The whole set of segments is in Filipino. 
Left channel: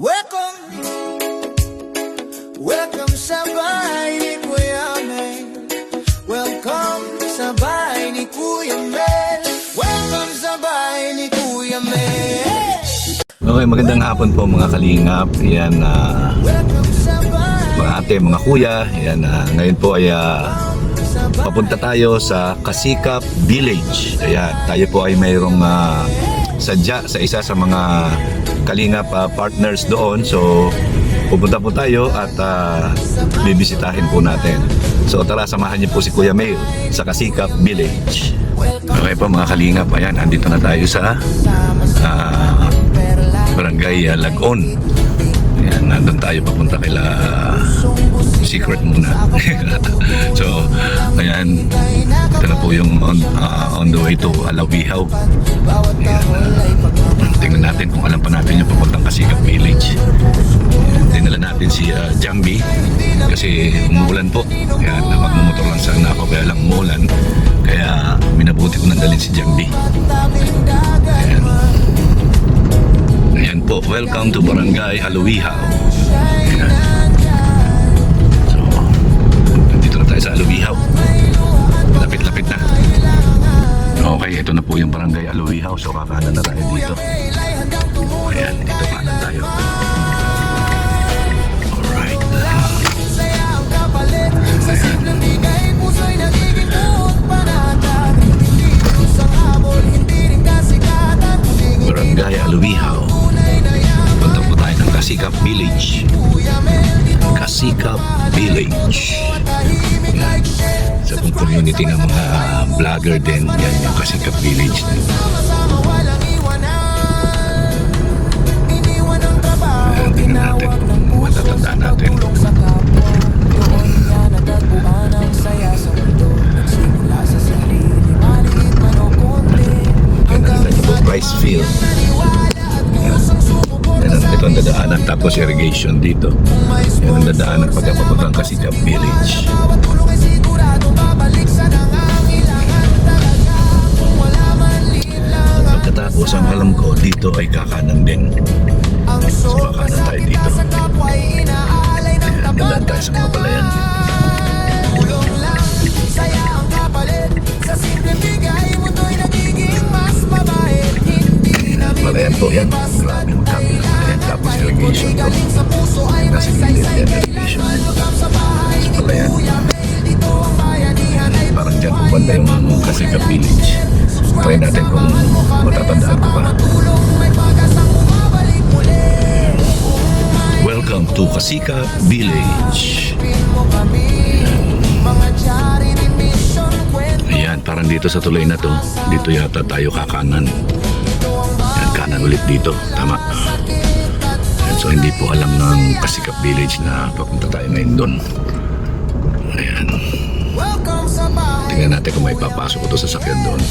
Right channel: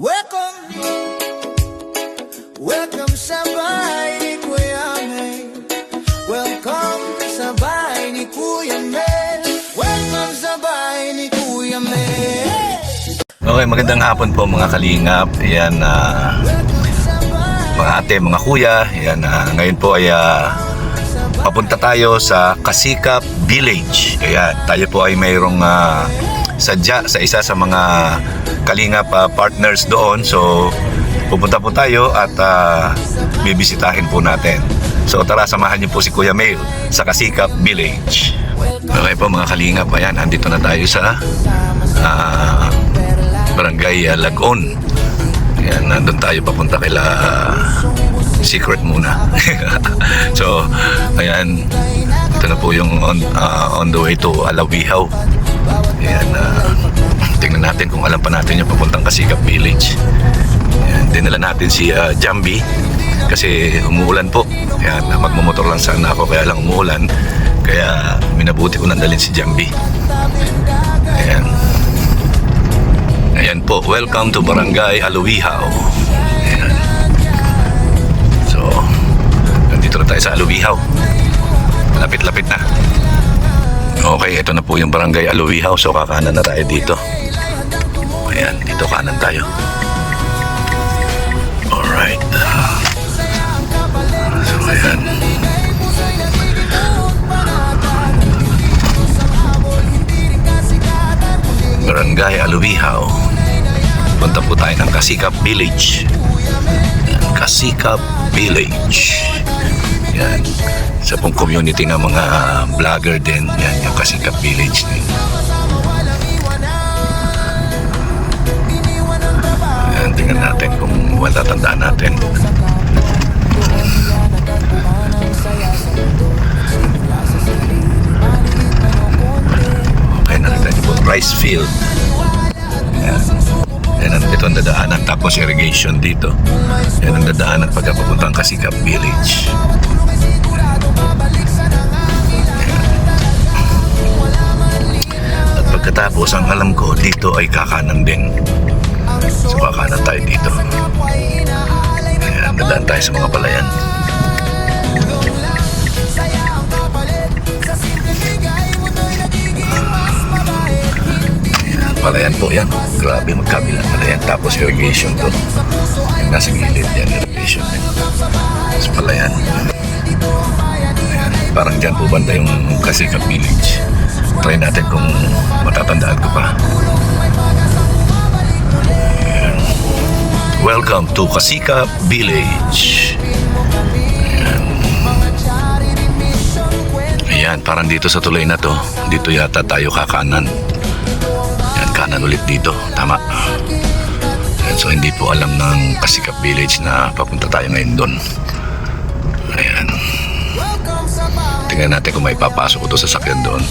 Welcome, welcome sa bahay ni Kuya Mel. Welcome sa bahay ni Kuya Mel. Welcome sa bahay ni Kuya Mel. Okay, magandang hapon po mga kalingap. Yan, mga ate, mga kuya. Yan, ngayon po ay papunta tayo sa Kasikap Village. Ayan, tayo po ay mayroong sadya sa isa sa mga kalingap partners doon. So pupunta po tayo at bibisitahin po natin. So tara, samahan niyo po si Kuya Mel sa Kasikap Village. Okay po mga kalingap, ayan, andito na tayo sa Barangay Lagon. Ayan, nandun tayo papunta kila Secret muna. So ayan, ito na po yung on the way to Alawihaw. Ayan, tingnan natin kung alam pa natin yung papuntang Kasikap Village. Ayan, dinala natin si Jambi kasi umuulan po. Ayan, magmamotor lang sana ako kaya lang umuulan, kaya minabuti ko nandalin si Jambi. Ayan, ayan po, welcome to Barangay Alawihaw. Ayan. So nandito na tayo sa Alawihaw, lapit-lapit na. Okay, ito na po yung Barangay Alawihaw. So kakanan na tayo dito. Ayan, dito kanan tayo. Alright. So ayan, Barangay Alawihaw. Punta po tayo ng Kasikap Village. Kasikap Village. Yan, sa pong community ng mga vlogger din. Yan, yung Kasikap Village din. Yan, tingnan natin kung matatandaan natin. Okay, nandito po rice field. Yan, ito ang dadaanan, tapos irrigation dito. Yan ang dadaanan pagkapapuntang Kasikap Village. At pagkatapos, ang alam ko, dito ay kakanan din. So kakanan tayo dito. Ayan, dadaan tayo sa mga palayan. Palayan po yan. Grabe, magkabilang palayan. Tapos irrigation po. Nasa gilid yan, irrigation. Tapos palayan. Parang dyan po banda yung Kasikap Village. Try natin kung matatandaan ko pa. Welcome to Kasikap Village. Ayan. Ayan, parang dito sa tulay na to, dito yata tayo kakanan. Ayan, kanan ulit dito. Tama. Ayan, so hindi po alam ng Kasikap Village na papunta tayo ngayon doon. Ayan. Tingnan natin kung may papasok ko to sa sakyan doon.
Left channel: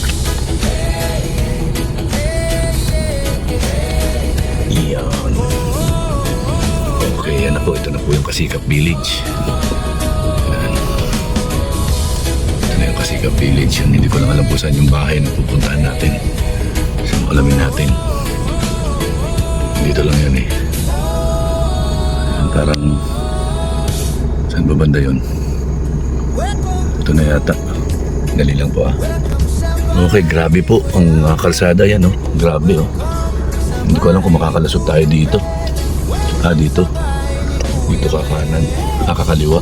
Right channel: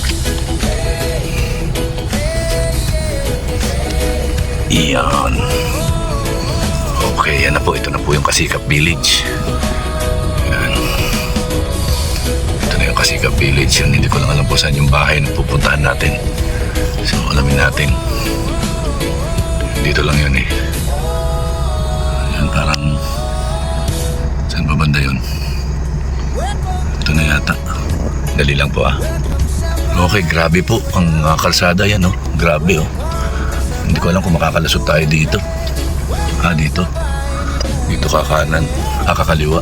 Iyan. Okay, yan na po. Ito na po yung Kasikap Village. Ayan. Ito na yung Kasikap Village. Yan, hindi ko lang alam po saan yung bahay na pupuntahan natin. So, alamin natin. Dito lang yun eh. Yan, parang saan ba banda yun? Ito na yata. Dali lang po ah. Okay, grabe po ang kalsada yan oh. Grabe oh. Hindi ko alam kung makakalusot tayo dito. Dito. Dito kakanan. Kakaliwa.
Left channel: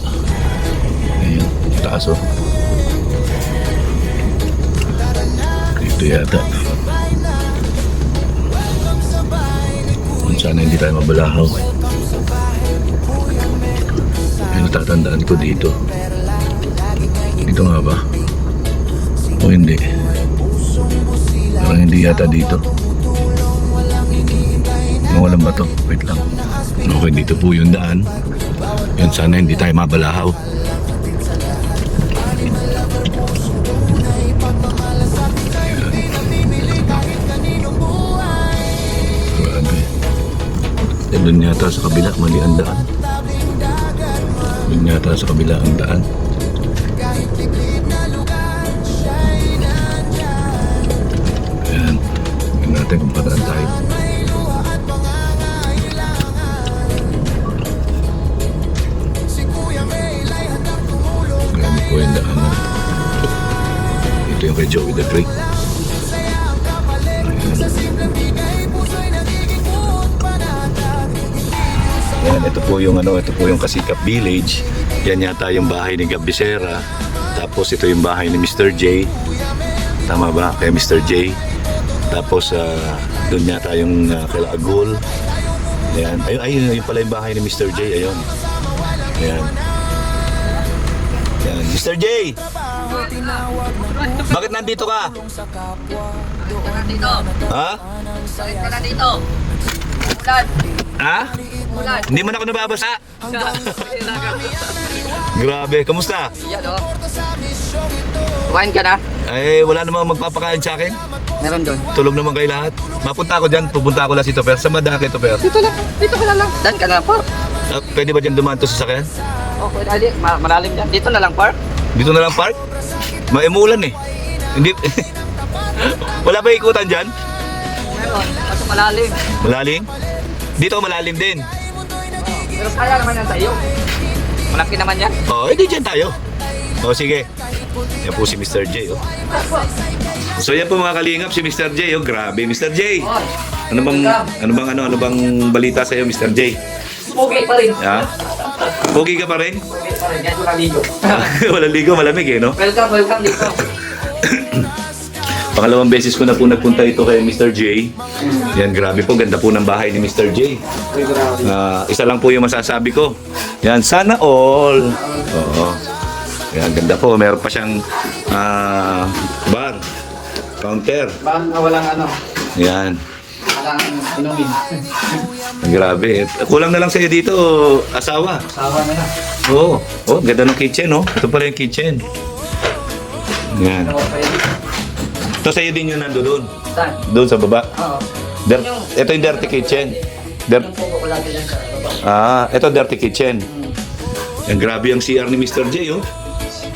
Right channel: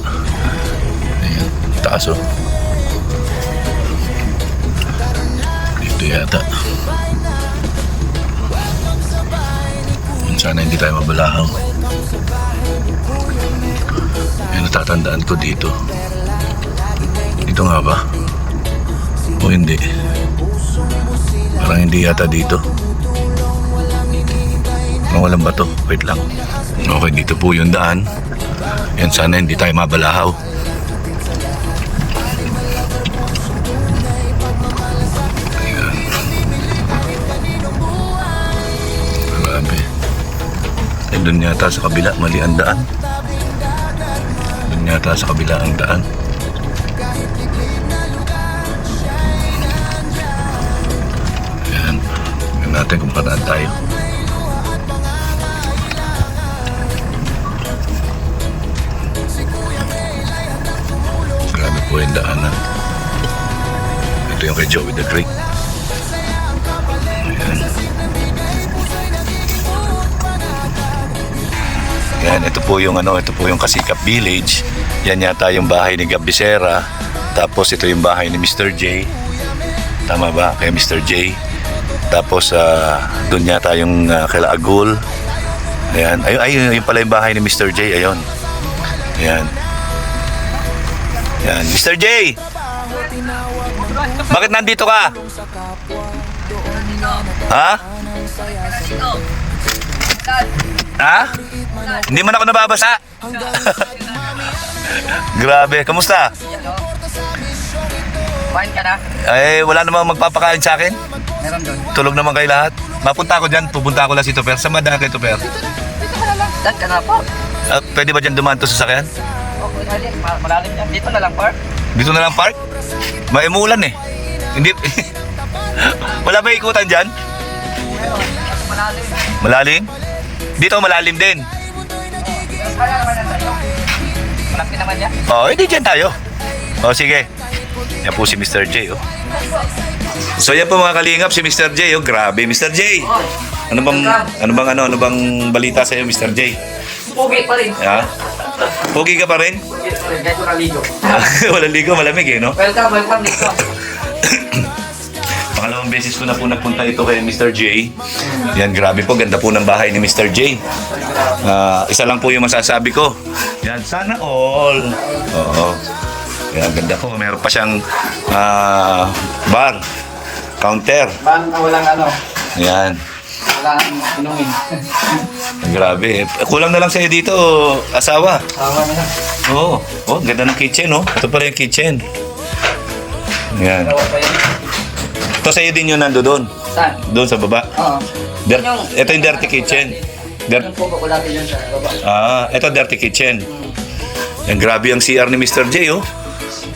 Ayan, taas oh. Dito yata. Sana hindi tayo mabalahaw. Ayan, natatandaan ko dito. Dito nga ba? O hindi? Parang hindi yata dito. Mawalan ba to? Wait lang. Okay, dito po yung daan. Yan, sana hindi tayo mabalahaw. Grabe. Eh, doon yata sa kabila, mali ang daan. Doon yata sa kabila ang daan. Ayan. Tignan natin kung pataan tayo. Joey the Great. Yan, ito po yung Kasikap Village. Yan yata yung bahay ni Gab Becerra. Tapos ito yung bahay ni Mr. J. Tama ba? Kay Mr. J. Tapos doon yata yung kila Agul. Ayan, ayun pala yung bahay ni Mr. J. Ayun. Ayan. Yan, Mr. J. Bakit nandito ka? Ha? Ha? Hindi man ako nababasa. Grabe, kamusta? Kumain ka na? Eh, wala namang magpapakain sa akin. Meron doon. Tulog naman kayo lahat. Mapunta ako dyan, pupunta ako lang si Toper. Saan madaan kay Toper? Dito ka na lang. Dan ka na, Par. Pwede ba dyan dumaan to sa sakyan? Okay, adi, malalim dyan. Dito na lang, Par. Dito na lang park? May umuulan eh. Hindi. Wala ba ikutan dyan? Malalim. Malalim? Dito malalim din. Pero kaya naman yan tayo. Malaki naman yan. Hindi dyan tayo. Sige. Yan po si Mr. J. So yan po mga kalingap, si Mr. J. Grabe, Mr. J. Ano bang balita sa iyo, Mr. J? Pugi pa rin. Ha? Pogi ka pa rin? Pugi pa rin. Kahit walang ligo. Walang ligo, malamig eh, no? Welcome dito. Pangalawang beses ko na po nagpunta ito kay Mr. J. Yan, grabe po, ganda po ng bahay ni Mr. J. Isa lang po yung masasabi ko. Yan, sana all. Oo. Yan, ganda po. Meron pa siyang bar, counter. Baan na walang ano? Yan. Walang inumin. Grabe. Kulang na lang sa'yo dito, asawa. Tama na yan. Oo. Ganda ng kitchen, oh. Ito pala yung kitchen. Yan. Ito sa'yo din yung nando doon. Saan? Doon sa baba. Oo. Ito yung dirty kitchen. Yung pugo ko dati dyan sa baba. Ito dirty kitchen. Yan, grabe ang CR ni Mr. J, oh.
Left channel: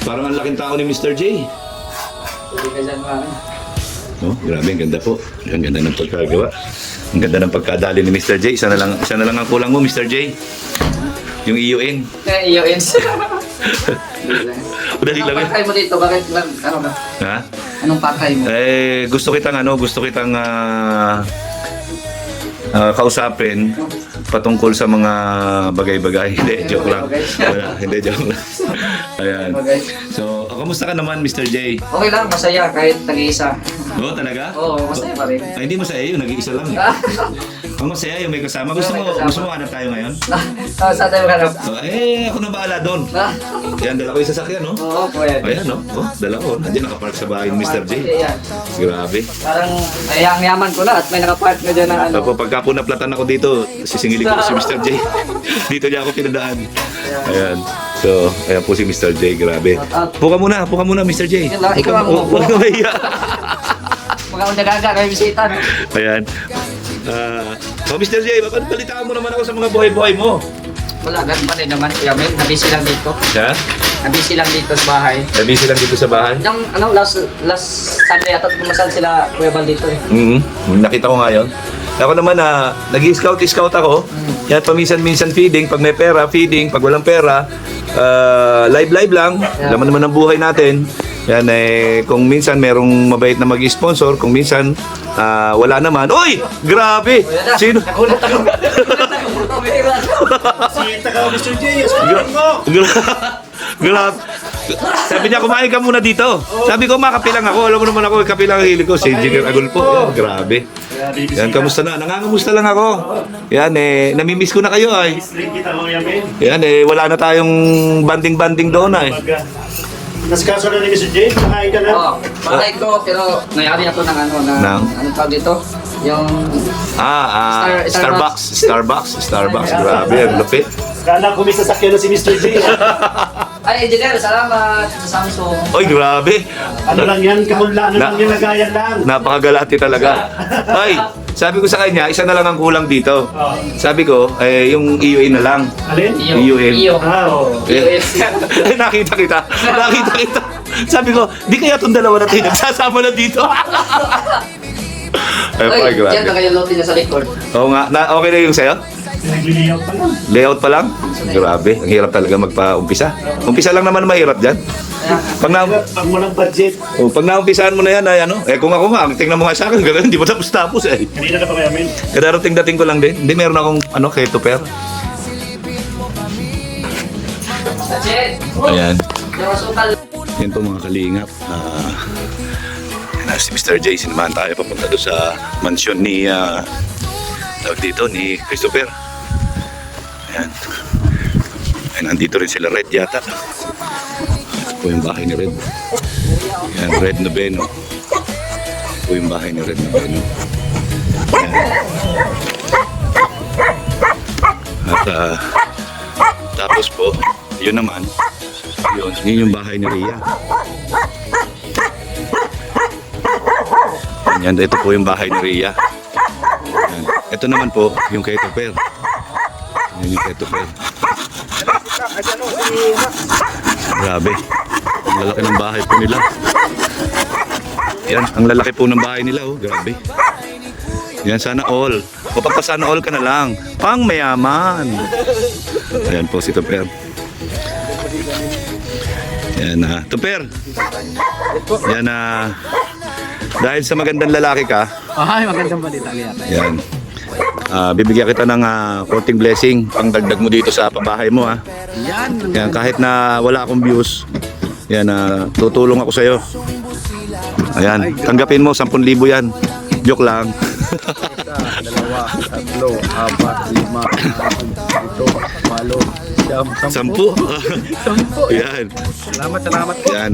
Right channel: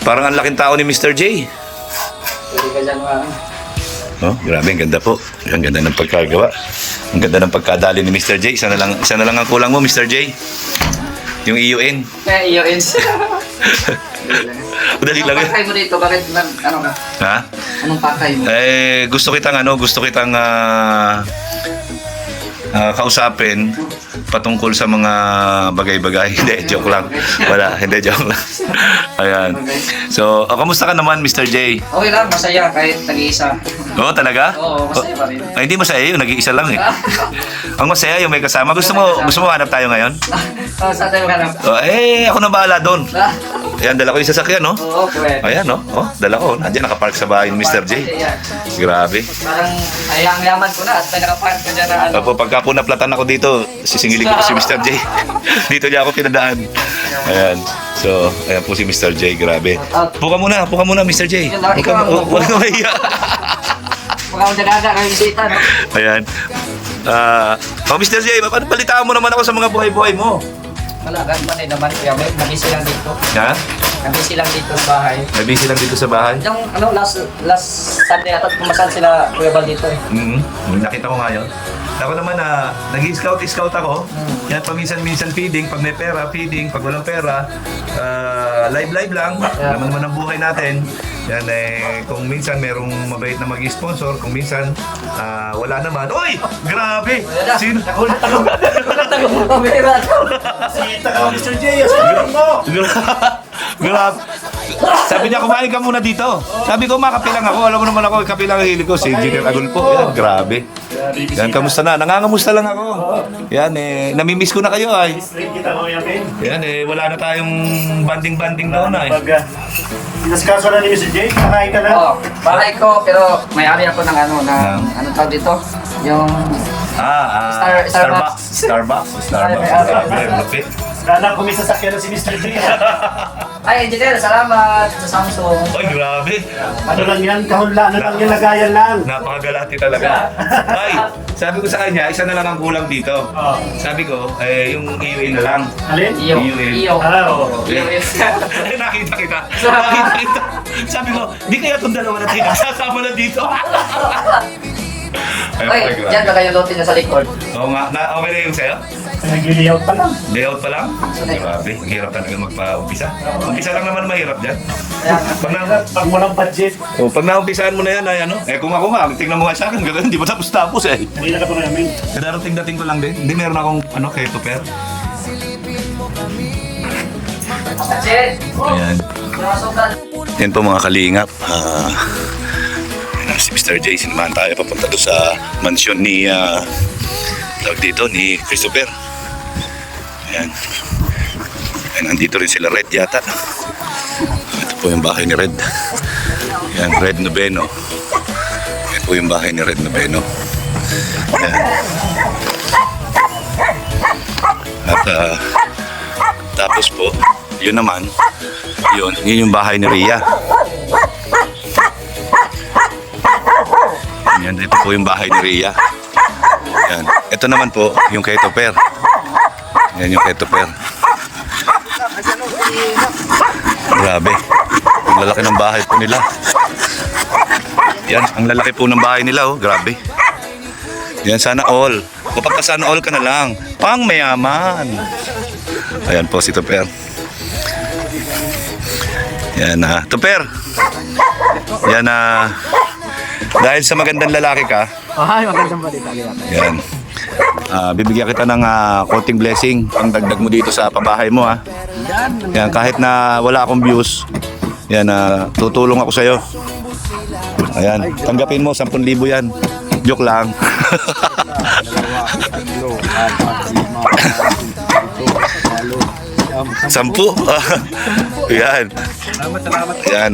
Parang ang laking tao ni Mr. J. Pwede ka dyan Grabe, ang ganda po. Ang ganda ng pagkagawa. Ang ganda ng pagkadali ni Mr. J. Isa na lang ang kulang mo, Mr. J. Yung EUN. Kaya iyo ins. Dali lang Anong eh. pakay mo dito? Bakit lang? Ano ba? Ha? Anong pakay mo? Gusto kitang kausapin patungkol sa mga bagay-bagay. Hindi, joke lang. Wala, hindi, joke lang. Ayan. So, kamusta ka naman, Mr. J? Okay lang, masaya kahit nag-iisa. Oo, talaga? Oo, masaya pa rin. Ay, hindi masaya yun, nag-iisa lang eh. Ang masaya yung may kasama. Gusto mo hanap tayo ngayon? Saan tayo hanap? Ako na bahala doon. Ayan, dala ko yung sasakyan, no? Oo, pwede. Ayan, no? Dala ko. Nandiyan, nakapark sa bahay ni Mr. J. Grabe. Parang ayang-yaman ko na at may nakapark na dyan na ano. Opo, pagka po naplatan ako dito, sisingilin ko si Mr. J. Dito niya ako pinadaan. Ayan. So, ayan po si Mr. J. Grabe. Puka muna, Mr. J. Huwag ka mahiya. Mga undaga kayo bisita, no? Ayan. Mr. J, balitaan mo naman ako sa mga buhay-buhay mo. Wala, ganun naman. Kuya Mel, nabisi lang dito. Ha? Nabisi lang dito sa bahay. Busy lang dito sa bahay? Yung last Sunday at pumasal sila Kuya Bal dito eh. Nakita ko ngayon. Ako naman nag-scout ako. Kaya paminsan-minsan feeding, pag may pera, feeding, pag walang pera, live lang. Laman naman ang buhay natin. Yan kung minsan merong mabait na mag-sponsor, kung minsan wala naman. Uy! Grabe! Sino? Nakulat ako. Kita ka, Mr. J. Sabihin mo. Grabe. Sabi niya, kumain ka muna dito. Sabi ko, makapilang ako. Alam mo naman ako, kapilang ang hilig ko. Si Engineer Agulpo. Yan, grabe. Yan, kamusta na? Nangangamusta lang ako. Yan, namimiss ko na kayo ay. Kita ko yan, Ben. Yan, wala na tayong banding-banding doon ay. Pag naskaso na ni Mr. J, nakain ka na. Oo, bahay ko pero may-ari ako ng Ng? anong tawag dito? Yung Starbucks. Grabe, ang lapit. Kala ko may sasakyan na si Mr. J. ay engineer, salamat sa Samsung. Oy, grabe. Ano lang yan, kahunlaan lang yan, lagayan lang. Napakagalati talaga. Ay, sabi ko sa kanya, isa na lang ang kulang dito. Sabi ko, yung EUA na lang. Alin? Iyo. Oo. Nakita kita. Sabi ko, di kaya itong dalawa na ito sasama na dito. Ay, Ay, grabe. yan na kayo lotin na sa record. Oo nga, okay na yung sa'yo? Nag-layout pa lang. Layout pa lang? Grabe, ang hirap talaga magpa-umpisa. Umpisa lang naman mahirap dyan. Pag na Pag walang budget, pag naumpisahan mo na yan, ay ano, kung ako nga, tingnan mo nga sa akin, gano'n, hindi pa tapos eh. hindi na ka pa mayamin. Darating dating ko lang din. Hindi, meron akong keto pair. That's it. Ayan. Yung asukal. Yan po mga kalingap. Si Mr. J, sinamahan tayo papunta doon sa mansyon ni ni Christopher. Ayan. Ayan, nandito rin sila Red yata. Ito po yung bahay ni Red. Ayan, Red Noveno. Ito po yung bahay ni Red Noveno. Ayan. At tapos po, yun naman, yun yung bahay ni Rhea. Yan, ito po yung bahay ni Rhea. Yan. Ito naman po yung kay Topper. Yan yung kay Topper. Grabe. Ang lalaki ng bahay po nila. Yan, ang lalaki po ng bahay nila, oh. Grabe. Yan, sana all. O sana all ka na lang. Pang mayaman. Ayan po si Topper. Yan, Topper. Yan, dahil sa magandang lalaki ka, Ay, magandang balita. yan. Bibigyan kita ng konting blessing pang dagdag mo dito sa pabahay mo, ha. Yan, kahit na wala akong views, yan, tutulong ako sa'yo. Ayan, tanggapin mo, 10,000 yan. Joke lang. 10. Yan. Salamat. Yan,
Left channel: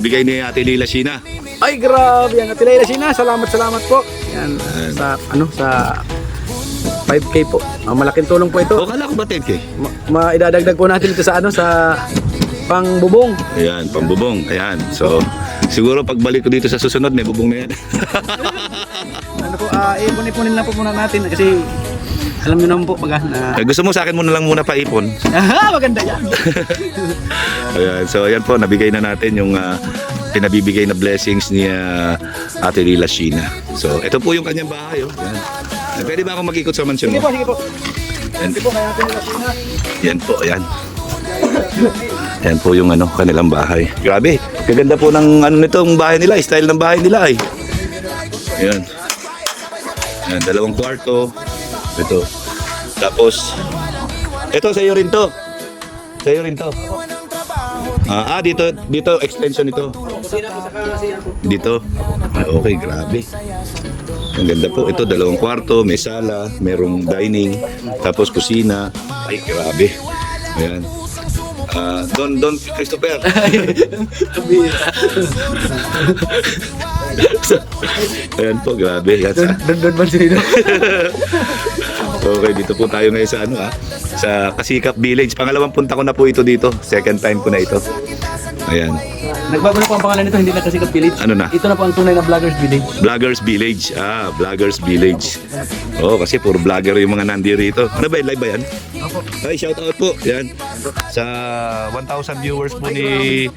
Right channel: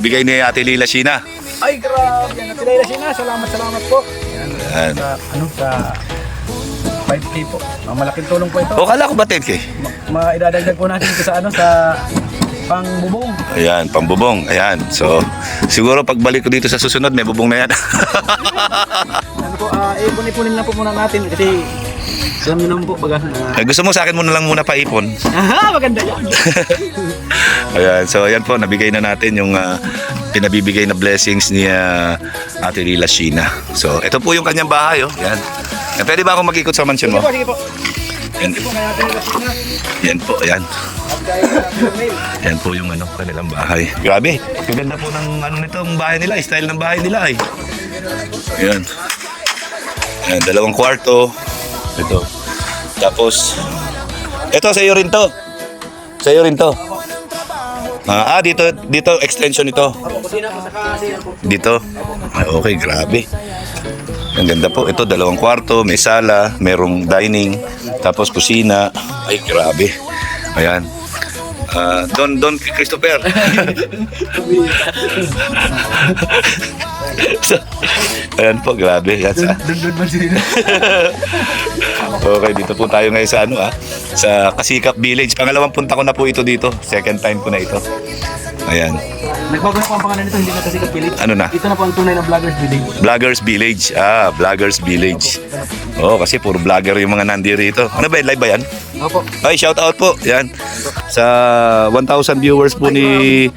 bigay ni Ate Lila Sheena. Ay, grabe. Ang atilay na sina. Salamat po. Yan. Yan. Sa 5K po. Ang malaking tulong po ito. O, kala ko ba 10K? Maidadagdag po natin ito sa sa pangbubong. Ayan, pambubong. Ayan. So, siguro pagbalik ko dito sa susunod, may bubong na yan. Ano po, ipunin lang po muna natin kasi alam niyo naman po pag Gusto mo sa akin muna lang muna paipon? aha, maganda yan. Ayan, so ayan po, nabigay na natin yung pinabibigay na blessings ni Ate Lila Sheena. So, ito po yung kanyang bahay, oh. Yan. Pwede ba akong mag-ikot sa mansyon mo? Sige po. Yan, Sige po, kaya natin nila sina. yan po, ayan. Yan po yung kanilang bahay. Grabe, maganda po ng nitong bahay nila, style ng bahay nila, Ayan. Ayan, 2 kwarto. Ito. Tapos, ito sa iyo rin to. Sa iyo rin to. Dito extension ito. Dito. Okay, grabe. Ang ganda po. Ito, 2 kwarto, may sala, merong dining, tapos kusina. Ay, grabe. Ayan. Don Christopher. Ayan po, grabe. Yan sa... Doon ba sila? Okay, dito po tayo ngayon sa sa Kasikap Village. Pangalawang punta ko na po ito dito. Second time ko na ito. Ayan. Nagbago na po ang pangalan nito, hindi na kasi Village. Ano na? Ito na po ang tunay na Vloggers Village. Vloggers Village. Vloggers Village. Oh, kasi puro vlogger yung mga nandito. Ano ba, live ba yan? Opo. Ay, shout out po. Yan. Sa 1,000 viewers po ni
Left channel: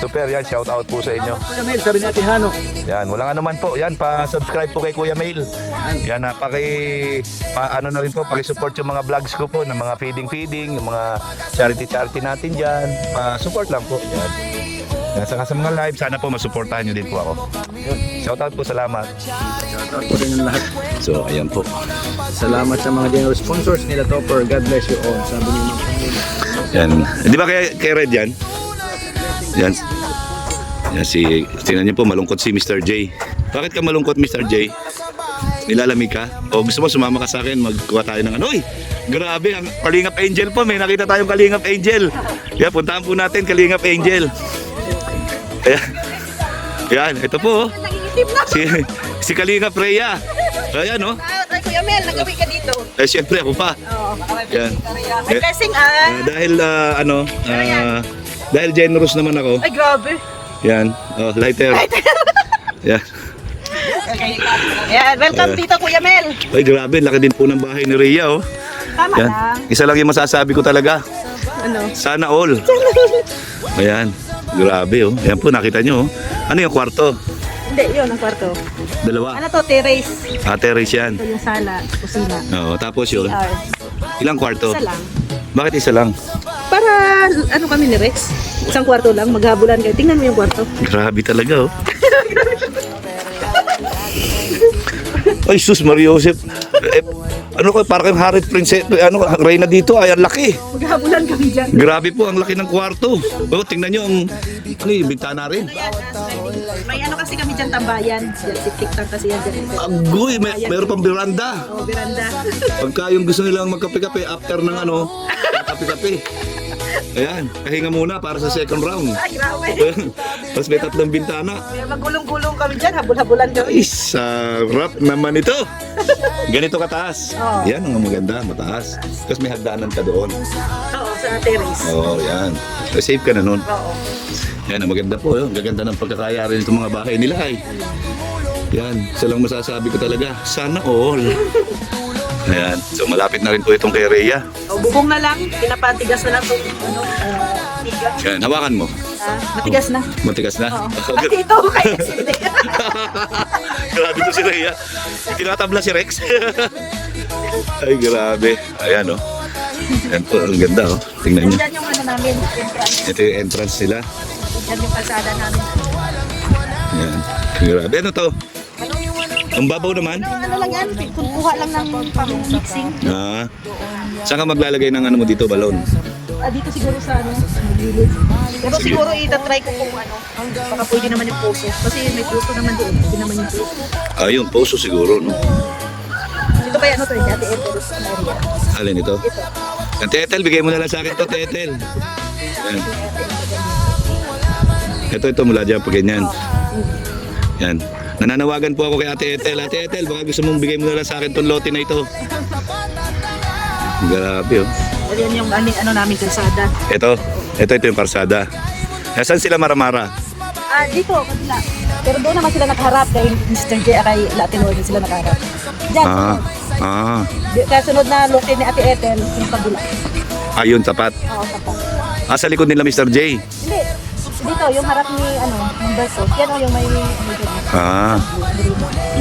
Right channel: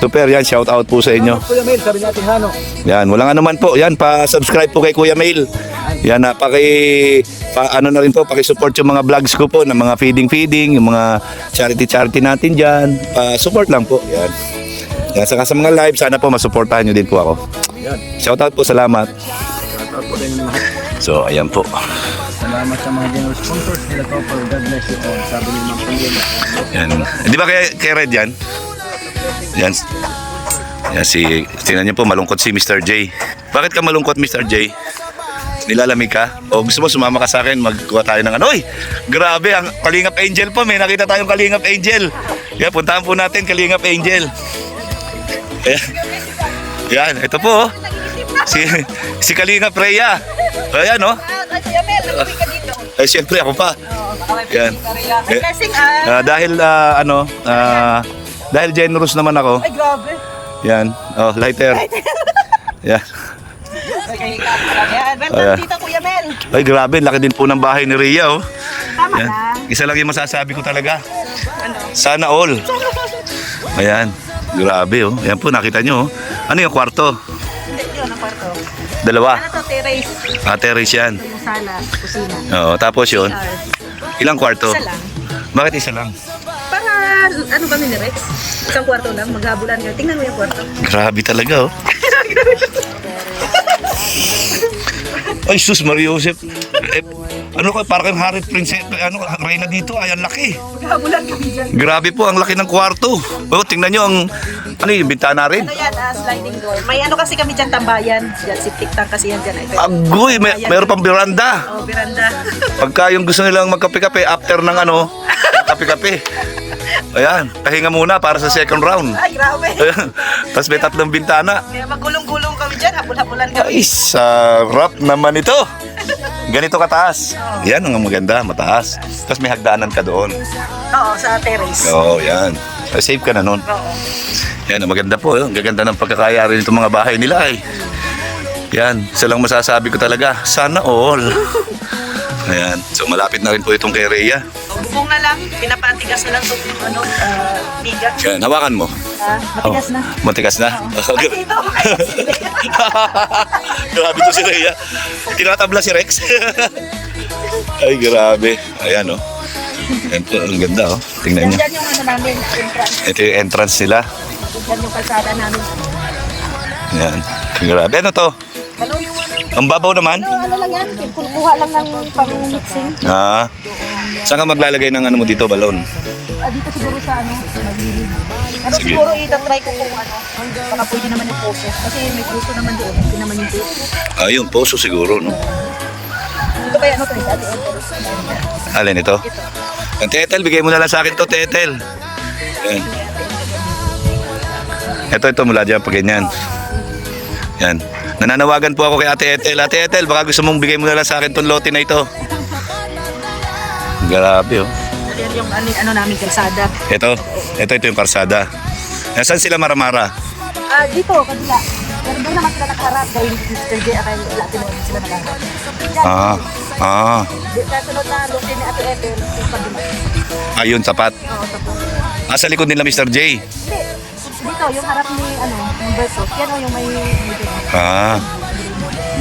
Tupper, yan, shout out po sa inyo. Kuya Mel, sabi natin Hano. Yan, walang anuman po. Yan, pa-subscribe po kay Kuya Mail. Yan, ano na rin po, paki-support yung mga vlogs ko po, ng mga feeding, yung mga charity natin dyan. Pa-support lang po. Yan. Yan, saka sa mga live, sana po masuportahan nyo din po ako. Shout out po, salamat. Shoutout po rin yung lahat. So, ayan po. Salamat sa mga general sponsors nila Topper. God bless you all. Sabi niyo ng Panginoon. Yan. Di ba kay Red yan? Yan. Yan tingnan niyo po, malungkot si Mr. J. Bakit ka malungkot, Mr. J? Nilalamig ka? O gusto mo sumama ka sa akin, magkuha tayo ng Oy, grabe, ang Kalingap Angel po. May nakita tayong Kalingap Angel. Yan, puntahan po natin Kalingap Angel. Ayan. Yan, ito po. Si Kalingap Rhea. Ayan, no? Kuya Mel, nakapit ka dito. Siyempre, ako pa. Yan. May blessing Dahil generous naman ako. Ay, grabe. Yan. Oh, lighter. Yan. Okay. Yan, welcome dito, Kuya Mel. Ay, grabe. Laki din po ng bahay ni Rhea, oh. Tama Yan. lang. Isa lang yung masasabi ko talaga. Ano? Sana all. Ayan. Grabe, oh. Yan po, nakita nyo, oh. Ano yung kwarto? Hindi, yun ang kwarto. Dalawa. Ano to, terrace. Terrace yan. Ito yung sala, kusina. Oo, tapos yun. Ilang kwarto? Isa lang. Bakit isa lang? Para, ano kami ni Rex? Isang kwarto lang, maghabulan kayo. Tingnan mo yung kwarto. Grabe talaga, oh. Ay, sus, Mario Joseph. Ano ko, parang kayong Harry Princess, Reyna dito, ay, ang laki. Maghabulan kami dyan. Grabe po, ang laki ng kwarto. Oh, tingnan nyo ang, ano yung bintana rin. Ano yan, sliding door. May ano kasi kami dyan, tambayan. Dyan, septic tank kasi yan dyan. Agoy, mayroon pang veranda. Oh, veranda. Pagka yung gusto nilang magkape-kape, after ng kape-kape. Ayan, pahinga muna para sa second round. Ay, grabe. Tapos may 3 bintana. Kaya magulong-gulong kami dyan, habul-habulan kami. Ay, sarap naman ito. Ganito kataas. Yan ang maganda, mataas. Tapos may hagdanan ka doon. Oo, sa terrace. Oo, yan. Safe ka na nun. Oo. Yan, ang maganda po. Ang gaganda ng pagkakayari nitong mga bahay nila ay. Yan, isa lang masasabi ko talaga. Sana all. Ayan. So malapit na rin po itong kay Rhea. O, bubong na lang, pinapatigas na lang po yung tigas. Yan, hawakan mo. Matigas na. Matigas na? Ay, ito. Grabe to si Rhea. Tinatabla si Rex. Ay, grabe. Ayan, oh. Ayan po, ang ganda, oh. Tingnan nyo. Diyan yung ano namin, entrance. Ito yung entrance nila. Diyan yung kalsada namin. Ayan. Grabe. Ano to? Ang babaw naman. Ano lang yan, kukuha lang ng pang-mixing. Saan ka maglalagay ng ano mo dito, balon? Dito siguro sa ano, magilid. Pero Sige. siguro itatry ko kung ano, baka pwede naman yung puso. Kasi may puso naman doon, hindi naman yung puso. Yung poso siguro, no? Ito ba yan, ano to, dati ito. Alin ito? Ang Tetel, bigay mo na lang sa akin to, Tetel. Yan. Ito, mula dyan, pag ganyan. Yan. Nananawagan po ako kay Ate Ethel. Ate Ethel, baka gusto mong bigay mo na lang sa akin tong lote na ito. Grabe, oh. Yan yung ano namin, kalsada. Ito yung karsada. Nasaan sila Maramara? Dito, kabila. Pero doon naman sila nakaharap dahil Mr. J kay Latin World sila nakaharap. Diyan. Kasunod na lote ni Ate Ethel, yung kabila. Ayun, sapat. Sa likod nila Mr. J. Hindi. Dito, yung harap ni, ano, yung baso. Yan o yung may...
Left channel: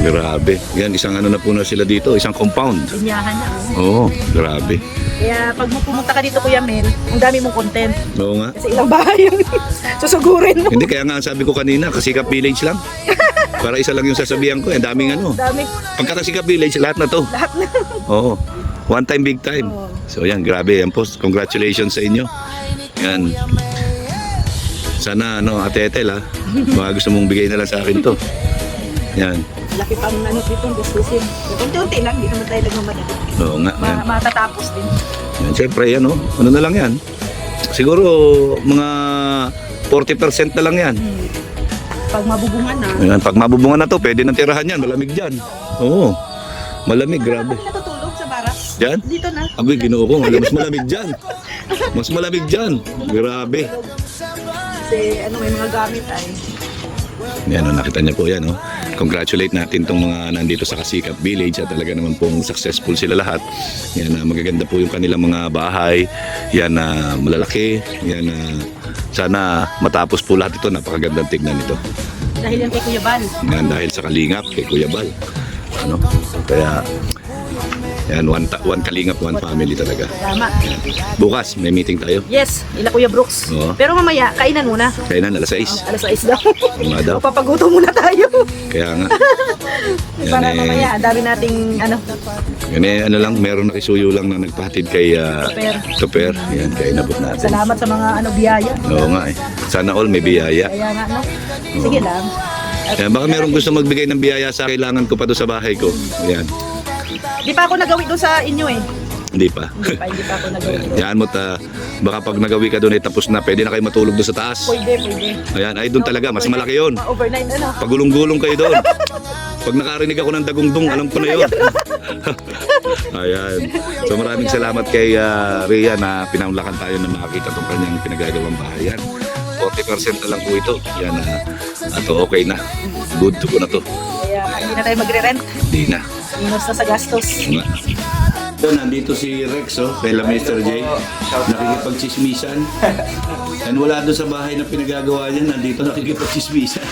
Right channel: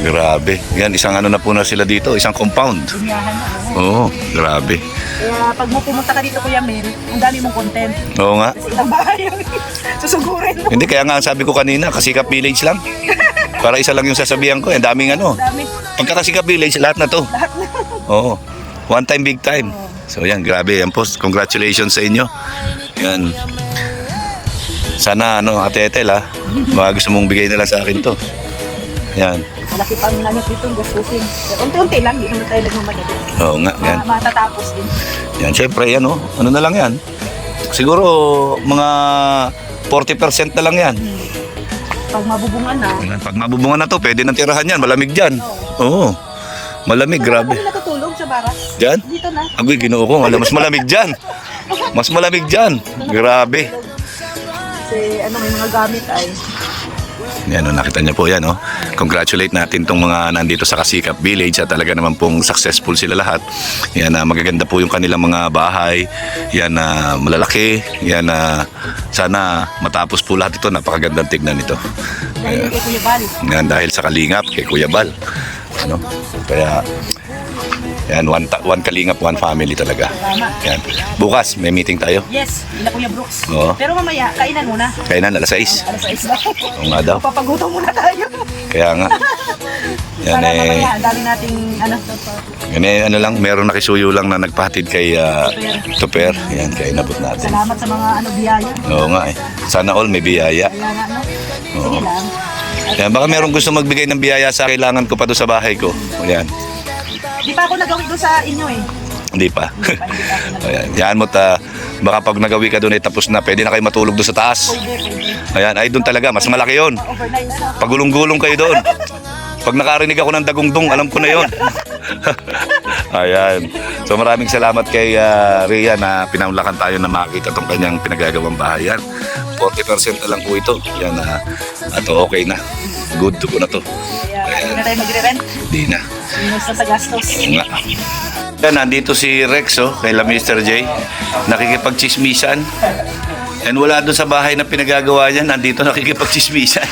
Grabe. Yan, isang ano na po na sila dito, isang compound. Bunyahan na. Oo, grabe. Kaya pag mo pumunta ka dito, Kuya Mel, ang dami mong content. Oo nga. Kasi ilang bahay yung susugurin mo. Hindi, kaya nga sabi ko kanina, Kasikap Village lang. Para isa lang yung sasabihan ko, ang daming ano. Dami. Pagka Kasikap Village, lahat na to. Lahat na. Oo. One time, big time. So yan, grabe. Yan po, congratulations sa inyo. Yan. Sana, Ate Ethel, baka gusto mong bigay na lang sa akin to. Yan. Malaki pang ano dito, gastusin. Unti-unti lang, hindi naman tayo nagmamadali. Oo nga, yan. Matatapos din. Yan, syempre, yan, ano na lang yan. Siguro, mga 40% na lang yan. Pag mabubungan na. Yan. Pag mabubungan na to, pwede nang tirahan yan. Malamig dyan. Oo. Malamig, grabe. Kami natutulog sa barak. Diyan? Dito na. Agoy, ginoo ko. Mas malamig dyan. Mas malamig dyan. Grabe. Kasi ano yung gamit ay. Yan, nakita niyo po yan. Congratulate natin tong mga nandito sa Kasikap Village at talaga naman pong successful sila lahat. Yan, magaganda po yung kanilang mga bahay. Yan, malalaki. Yan, sana matapos po lahat ito. Napakagandang tignan ito. Dahil yung kay Kuya Bal. Yan, dahil sa kalingap kay Kuya Bal. Kaya yan, one kalingap, one family talaga. Yan. Bukas, may meeting tayo. Yes, ila Kuya Brooks. Oo. Pero mamaya, kainan muna. Kainan, alas 6. Alas 6 daw. Oo nga daw. Papagutom muna tayo. Kaya nga. Yan Para mamaya, ang dami nating ano. Yan lang, meron nakisuyo lang na nagpahatid kay Tuper. Yan, kaya inabot natin. Salamat sa mga ano biyaya. Oo nga eh. Sana all may biyaya. Kaya nga no. Sige lang. Yan, baka meron gusto magbigay ng biyaya sa kailangan ko pa doon sa bahay ko. Yan. Di pa ako nagawi doon sa inyo eh. Hindi pa. Hindi pa ako nagawi. Ayan, yan mo baka pag nagawi ka doon ay tapos na, pwede na kayo matulog doon sa taas. Pwede. Ayan, ay doon talaga, mas malaki yon. Overnight ano. Pagulong-gulong kayo doon. Pag nakarinig ako ng dagungdong, alam ko na yon. Ayan. So maraming salamat kay Rhea na pinamlakan tayo na makita itong kanyang pinagagawang bahay. Yan. 40% na lang po ito. Yan, at okay na. Good to go na to. Kaya hindi na tayo magre-rent. Hindi na. Minus na sa gastos. Oo nga. Yan, nandito si Rex, kaila Mr. J. Nakikipagchismisan. And wala doon sa bahay na pinagagawa niya, nandito nakikipagchismisan.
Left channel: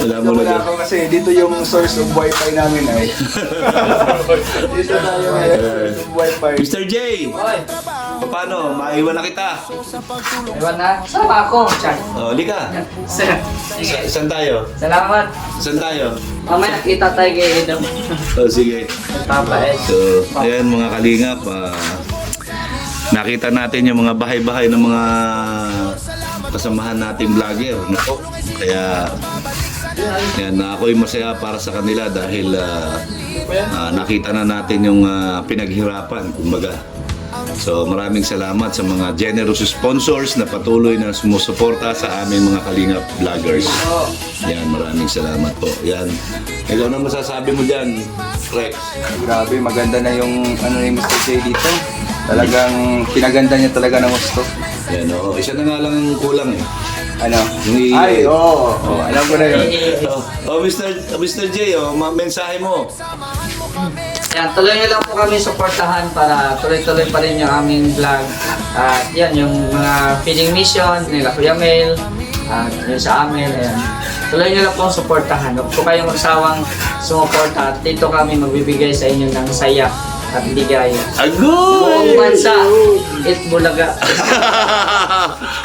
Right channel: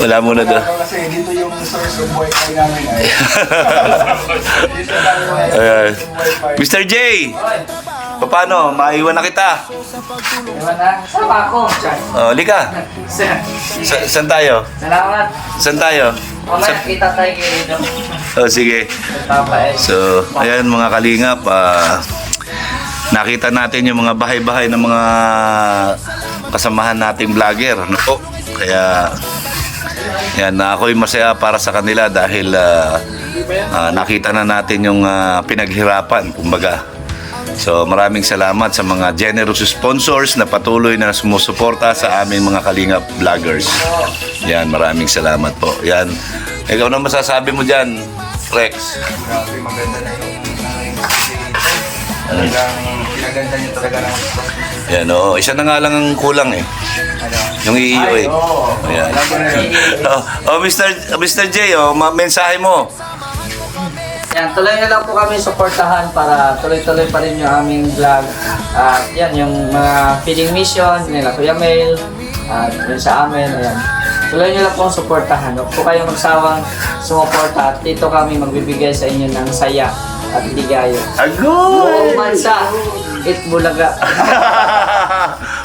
Wala muna doon. Kasi dito yung source of wifi namin ay. Dito tayo Ayan. Mr. J, paano? Maiwan na kita. Ewan na, sama ako. Lika. Saan tayo? Salamat. Saan tayo? Mamaya kita tayo kayo. Sige. Tama eh. So, ayan mga kalingap, nakita natin yung mga bahay-bahay ng mga kasamahan nating vlogger. No? Kaya, yan, ako'y masaya para sa kanila dahil nakita na natin yung pinaghirapan, kumbaga. So, maraming salamat sa mga generous sponsors na patuloy na sumusuporta sa aming mga kalingap vloggers. Yan, maraming salamat po. Yan. Ikaw na masasabi mo dyan, Rex? Grabe, maganda na yung yung Mr. J dito. Talagang pinaganda niya talaga ng gusto. Yan, oo. Isa na nga lang ang kulang eh. Ano? Yung iyo eh. Oo. Ayan. Alam ko na yun. Mr. J, mensahe mo. Yan, tuloy nyo lang po kami suportahan para tuloy-tuloy pa rin yung aming vlog. At yan, yung mga feeding mission nila Kuya Mel, at yun sa amin, ayan. Tuloy nyo lang po suportahan. Huwag po kayong magsawang sumuporta at dito kami magbibigay sa inyo ng saya at ligaya. Agoy! Buong bansa, Bulaga.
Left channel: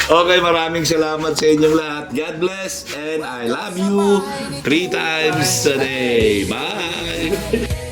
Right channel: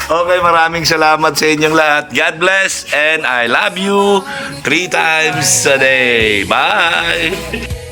Okay, maraming salamat sa inyong lahat. God bless and I love you 3 times a day. Bye!